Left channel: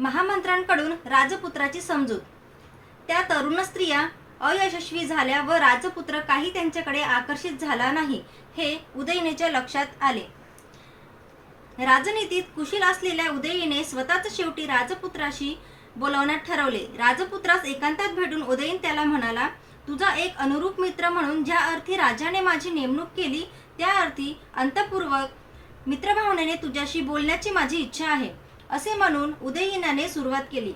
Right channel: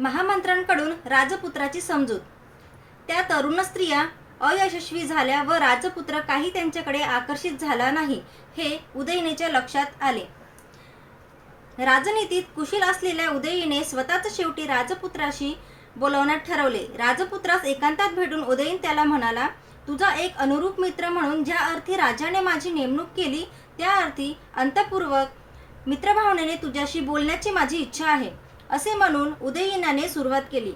महामंत्र्यांकडून राजपुत्राची समजूत। त्या तरुण स्त्रिया अयशस्वी झाल्या व राजपुत्र काही त्यांच्याकडे आकर्षित झाला नाही हे उदयीनेच्या लक्षात आले। राजनीतीत कुशल असलेल्या उदयीने स्वतःच शेवटी राजपुत्राशी बोलवण्यात ठरवले। राजपुत्रास एकांतात भेटून उदयीन त्याला म्हणाला, तुझा एक अनुरूप मित्र म्हणून ज्या अर्थी राजाने माझी नेमणूक केली त्या अर्थी अंतःपूर्वक मित्रभावनेने तुझ्याशी बोलण्याची माझी इच्छा आहे, असे म्हणून उदयीनाने सुरुवात केली।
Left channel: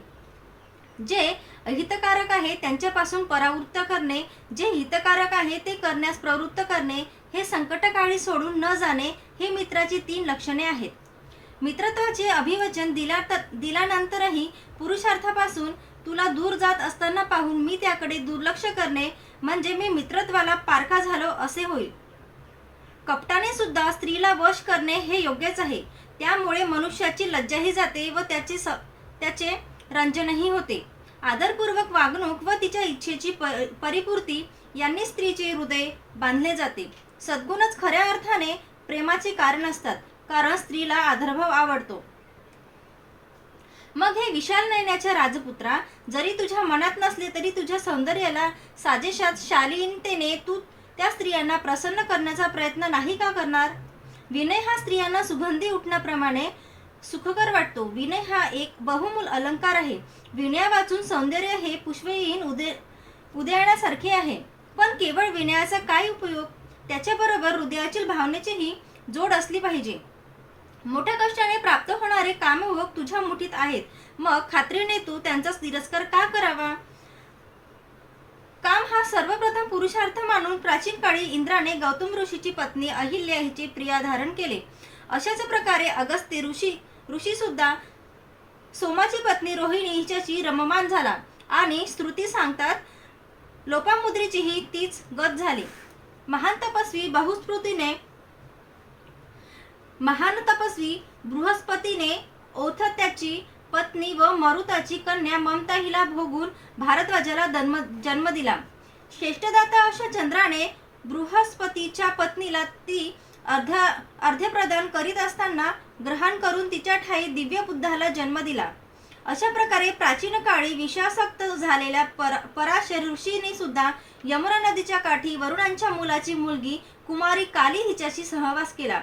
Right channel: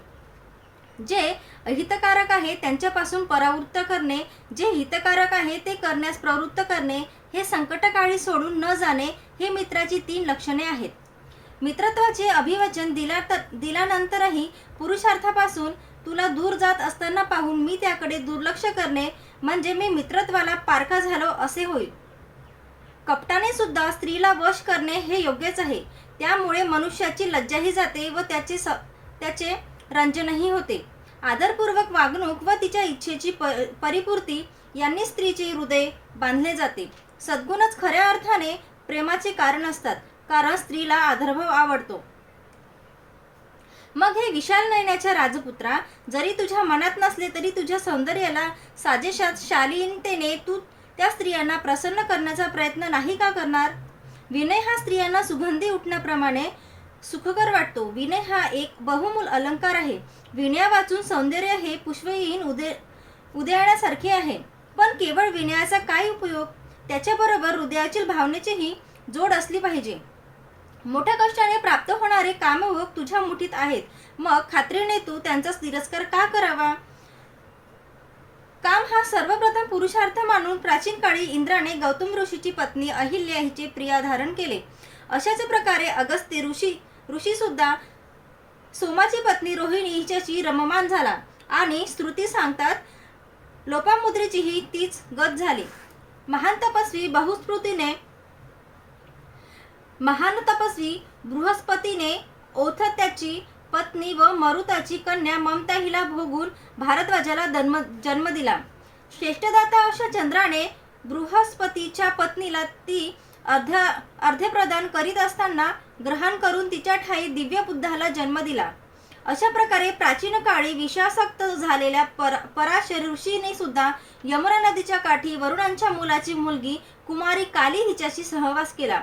जे अहितकारक आहे त्यांच्यापासून परावृत्त करणे, जे हितकारक आहे ते करण्यास प्रवृत्त करणे, हे संकटकाळी सोडून न जाणे, हे मित्राची 3 लक्षणे आहेत। मित्रत्वाचे अभिवचन दिल्यानंतरही पुरुषार्थापासून तुला दूर जात असताना पाहून मी त्याकडे दुर्लक्ष करणे म्हणजे मी मित्रत्वाला पारखा झालो असे होईल। कपटाने सुद्धा स्त्रीला वश करणे हे योग्यच आहे, त्यामुळे मनुष्याची लज्जाही जाते व त्याचे रंजनही होते। आदरपूर्वक वागणूक व तिच्या इच्छेची परिपूर्ती यांनी स्त्रीचे हृदय बांधले जाते। सद्गुणच खऱ्या अर्थाने प्रेमाचे कारण असतात, कारण स्त्रीला आदरभाव आवडतो। मग हे विशाल नयनाच्या राजपुत्रा, जरी तुझ्या मनात नसले तरी तुझ्या सौंदर्याला साजेशात शालीनतेने तू त्या स्त्रियांना प्रसन्न करण्याचा प्रयत्न नाही का करणार? विनय हा स्त्रियांना सुगंधी उठण्याप्रमाणे सुखकर वाटतो। विनय हा एक बहुमूल अलंकार आहे। विनया वाचून सौंदर्य हे पुष्पहीन उद्यानासारखे आहे। पण केवळ विनयाचा काय उपयोग? त्याच्याबरोबर हृदयातील भावनेचीही जोड असली पाहिजे। मोठ्या कष्टाने प्राप्त होणारे कामभोग तुझ्या मुठीत आहेत, मग खात्रीने तू त्यांचा तिरस्कार का करावा? काम हा सर्वप्रथम पुरुषार्थ मानून प्राचीन काळी इंद्राने गौतम ऋषीची पत्नी अहिल्या हिचे प्रिया धारण केले। अशाच प्रकारे अगस्त्य ऋषी सुद्धा सोमाची पत्नी रोहिणी हिच्याशी रममान झाला आणि श्रुती सांगतात लोपामुद्रेचीही तीच गत झाली। महान तपस्वी बृहस्पतीने औथत्याची पत्नी व मरुताची कन्या ममता हिला भोगून भारद्वाजाला जन्म दिला। श्रेष्ठदाता अशा चंद्राने बृहस्पतीच्या पत्नीला ती अर्ध्य प्रदान करीत असताना ग्रहण करून तिच्या ठाई दिव्य बुद्धाला जन्म दिला। अशा प्रकारे प्राचीन काळी विषासक्त झालेल्या पराशर ऋषीने सुद्धा यमुना नदीच्या काठी वरुणांच्या मुलाची मुलगी कुमारी काली हिच्याशी सहवास केला।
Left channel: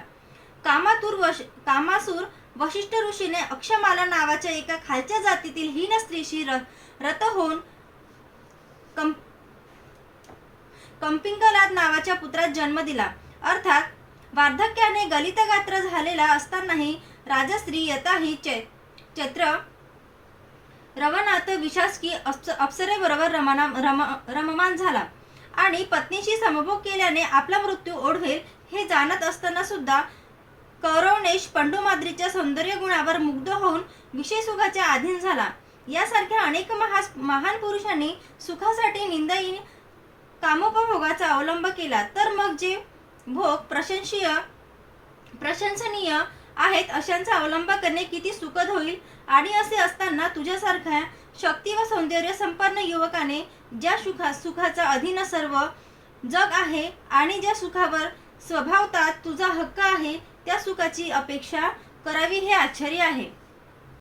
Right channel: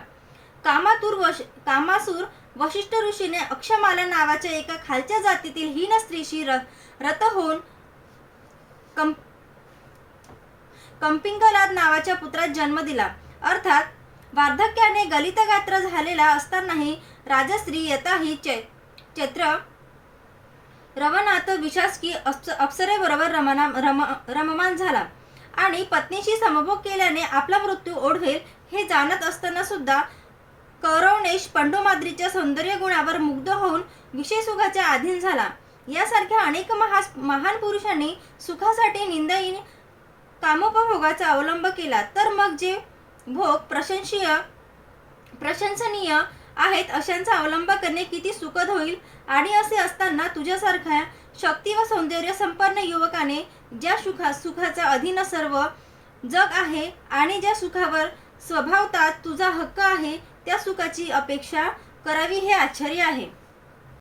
कामासूर वशिष्ठ ऋषीने अक्षमाला नावाच्या एका खालच्या जातीतील हीन स्त्रीशी रत होऊन कंपिंकलाद नावाच्या पुत्रास जन्म दिला। अर्थात वार्धक्याने गलितगात्र झालेला असतानाही राजस्त्री यथाही चैत्र रवनाथ विशासकी अप्सरेबरोबर रममान झाला आणि पत्नीशी समभोग केल्याने आपला मृत्यू ओढवेल हे जाणत असताना सुद्धा कौरवनेश पंडोमाद्रीच्या सौंदर्य गुणावर मुग्ध होऊन विषय सुखाच्या अधीन झाला। यासारख्या अनेक महान पुरुषांनी सुखासाठी निंदायी कामोपभोगाचा अवलंब केला, तर मग जे भोग प्रशंसनीय आहेत अशांचा अवलंब करणे किती सुखद होईल। आणि असे असताना तुझ्यासारख्या शक्ती व सौंदर्य संपन्न युवकाने ज्या सुखाचा अधीन सर्व जग आहे आणि ज्या सुखावर स्वभावतः तुझा हक्क आहे त्या सुखाची अपेक्षा करावी हे आश्चर्य आहे।